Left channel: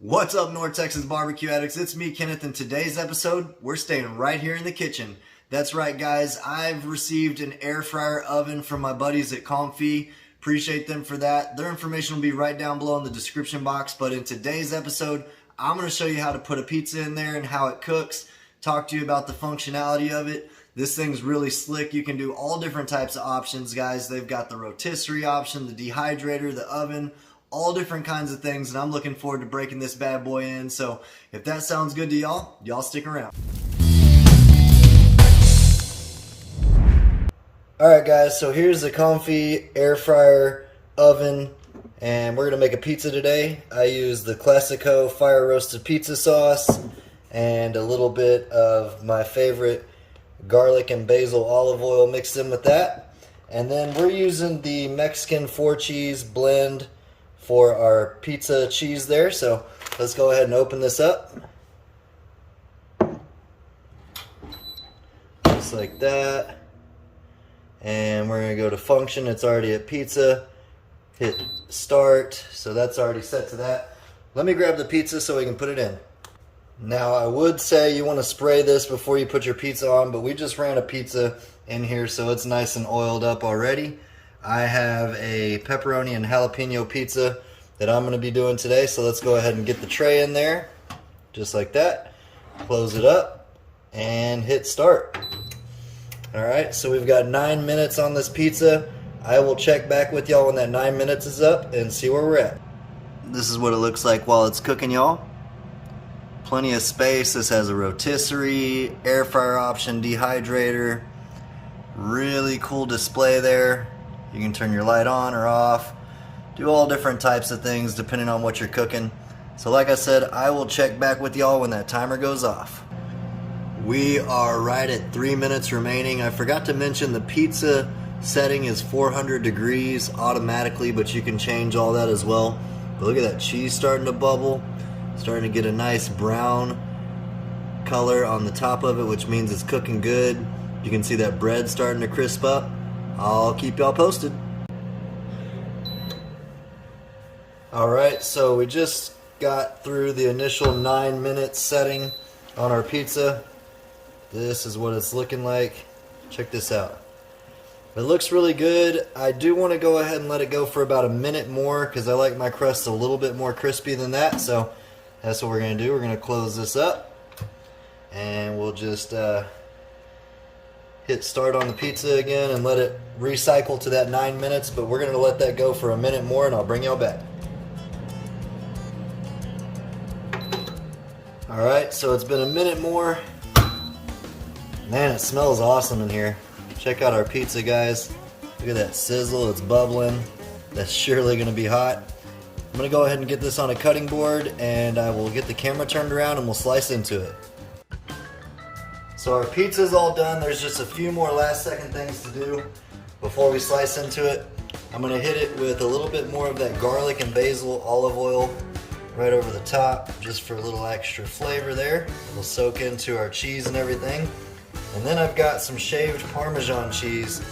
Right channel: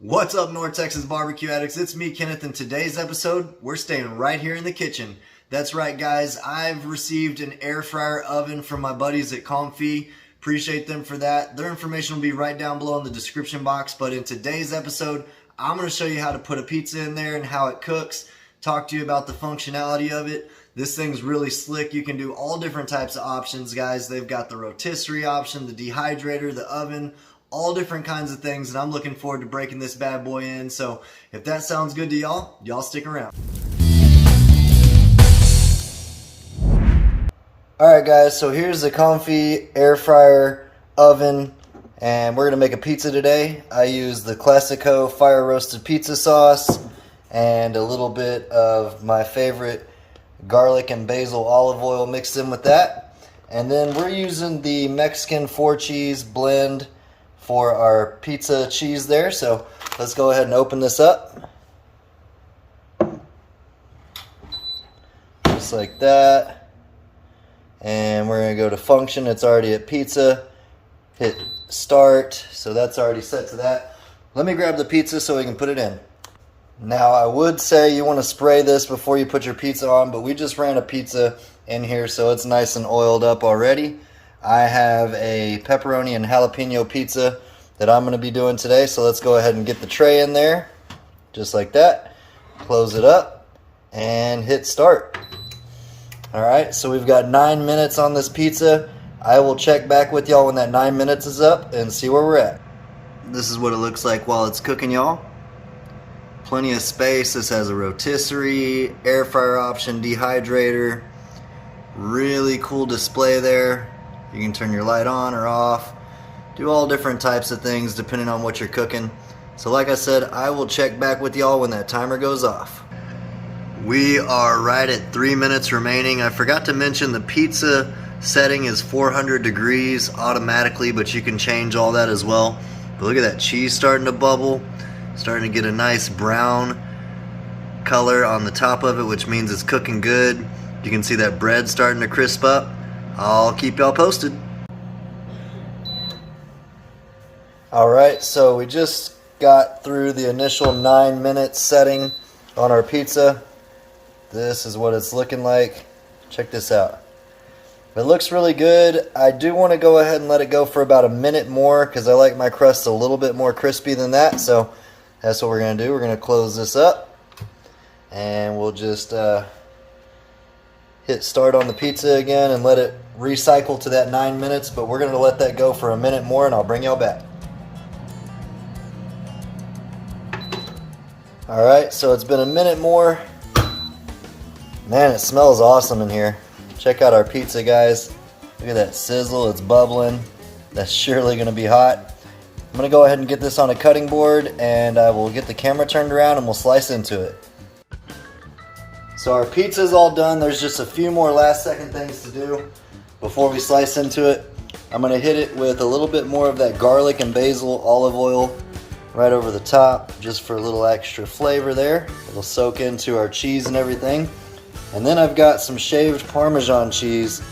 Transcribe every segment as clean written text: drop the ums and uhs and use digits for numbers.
What's up, North Texas barbecue addicts? It's me, Kenneth. In today's episode, we're staying right here in the kitchen. That's right, guys. I've received an air fryer oven from my buddies at Comfee. Appreciate them for that. Their information will be right down below in the description box. But in today's episode, I'm going to show you how to put a pizza in there and how it cooks. Talk to you about the functionality of it. This thing's really slick. You can do all different types of options, guys. They've got the rotisserie option, the dehydrator, the oven, all different kinds of things, and I'm looking forward to breaking this bad boy in. So if that sounds good to y'all stick around. Alright guys, so here's the Comfee Air Fryer Oven, and we're going to make a pizza today. I use the Classico fire roasted pizza sauce and a little bit of my favorite garlic and basil olive oil mixed in with that. And then we're using the Mexican 4-cheese blend for our pizza cheese there. So let's go ahead and open this up. Just like that. And we're gonna go to function. It's already at pizza. Hit start. So that's already set to that. Let me grab the pizza so we can put it in. Now I would say you want to spray this before you put your pizza on, but we just ran a pizza in here so it's nice and oiled up already. I have a pepperoni and jalapeno pizza that I'm going to be doing today, so let's go ahead and get the tray in there, just like that. Close it up and hit start. Alright, so we've got 9 minutes on this pizza. I will check back with y'all when that 9 minutes is up and see where we're at. This is what it looks like while it's cooking, y'all. Plenty of space. This has a rotisserie, air fryer option, dehydrator. Really cool display there. You can turn your light on or off. Do all different types of things depending on what you're cooking. So like I said, I will check back with y'all when that timer goes off. We are right at 3 minutes remaining. I forgot to mention the pizza setting is 400 degrees automatically, but you can change all that as well. But look at that cheese starting to bubble. Starting to get a nice brown color on the top of it, which means it's cooking good. You can see that bread starting to crisp up. I'll keep y'all posted. Alright, so we just got through the initial 9 minutes setting on our pizza. This is what it's looking like. Check this out. It looks really good. I do want to go ahead and let it go for about a minute more because I like my crust a little bit more crispy than that. So that's what we're going to do. We're going to close this up and we'll just hit start on the pizza again and let it recycle to that 9 minutes, but we're going to let that go for a minute more and I'll bring y'all back. Alright, so it's been a minute more. Man, it smells awesome in here. Check out our pizza, guys. Look at that sizzle, it's bubbling. That's surely going to be hot. I'm going to go ahead and get this on a cutting board and I will get the camera turned around and we'll slice into it. So our pizza's all done. There's just a few more last second things to do before we slice into it. I'm going to hit it with a little bit more of that garlic and basil olive oil right over the top just for a little extra flavor there. It'll soak into our cheese and everything. And then I've got some shaved Parmesan cheese.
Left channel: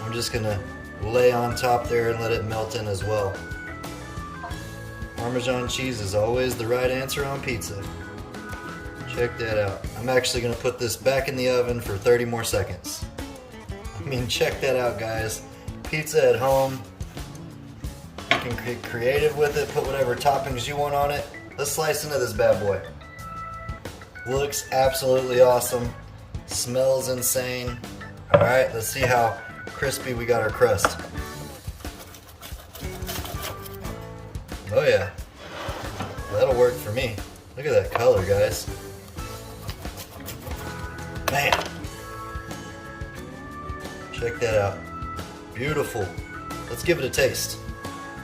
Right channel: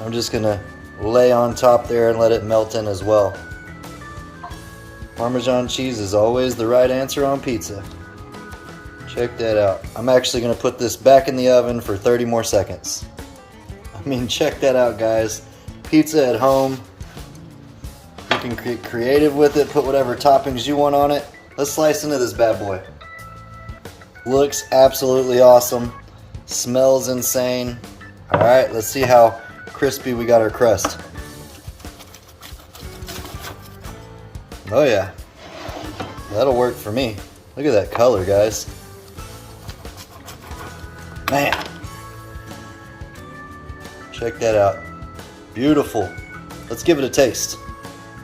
I'm just going to lay on top there and let it melt in as well. Parmesan cheese is always the right answer on pizza. Check that out. I'm actually going to put this back in the oven for 30 more seconds. I mean, check that out, guys. Pizza at home. You can get creative with it, put whatever toppings you want on it. Let's slice into this bad boy. Looks absolutely awesome. Smells insane. Alright, let's see how crispy we got our crust. Oh yeah, that'll work for me. Look at that color, guys. Man, check that out. Beautiful. Let's give it a taste.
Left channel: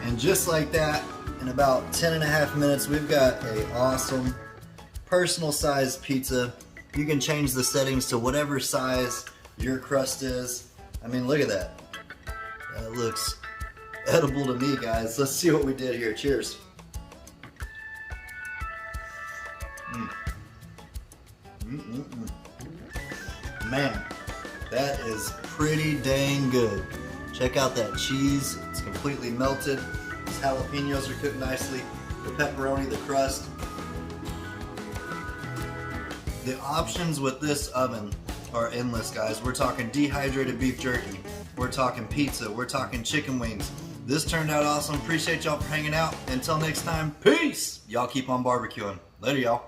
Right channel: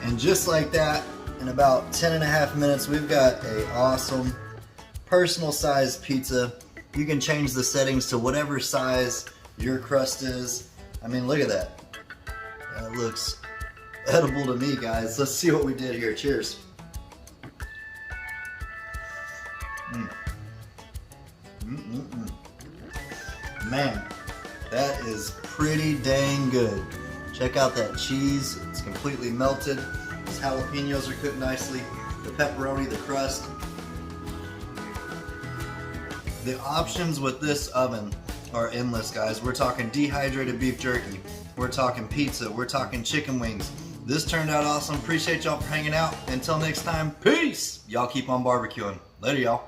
And just like that, in about 10.5 minutes, we've got an awesome personal sized pizza. You can change the settings to whatever size your crust is. I mean, look at that. That looks edible to me, guys. Let's see what we did here. Cheers. Man, that is pretty dang good. Check out that cheese. It's completely melted. These jalapenos are cooked nicely. The the pepperoni, the crust. The options with this oven are endless, guys. We're talking dehydrated beef jerky. We're talking pizza. We're talking chicken wings. This turned out awesome. Appreciate y'all for hanging out. Until next time, peace! Y'all keep on barbecuing. Later, y'all.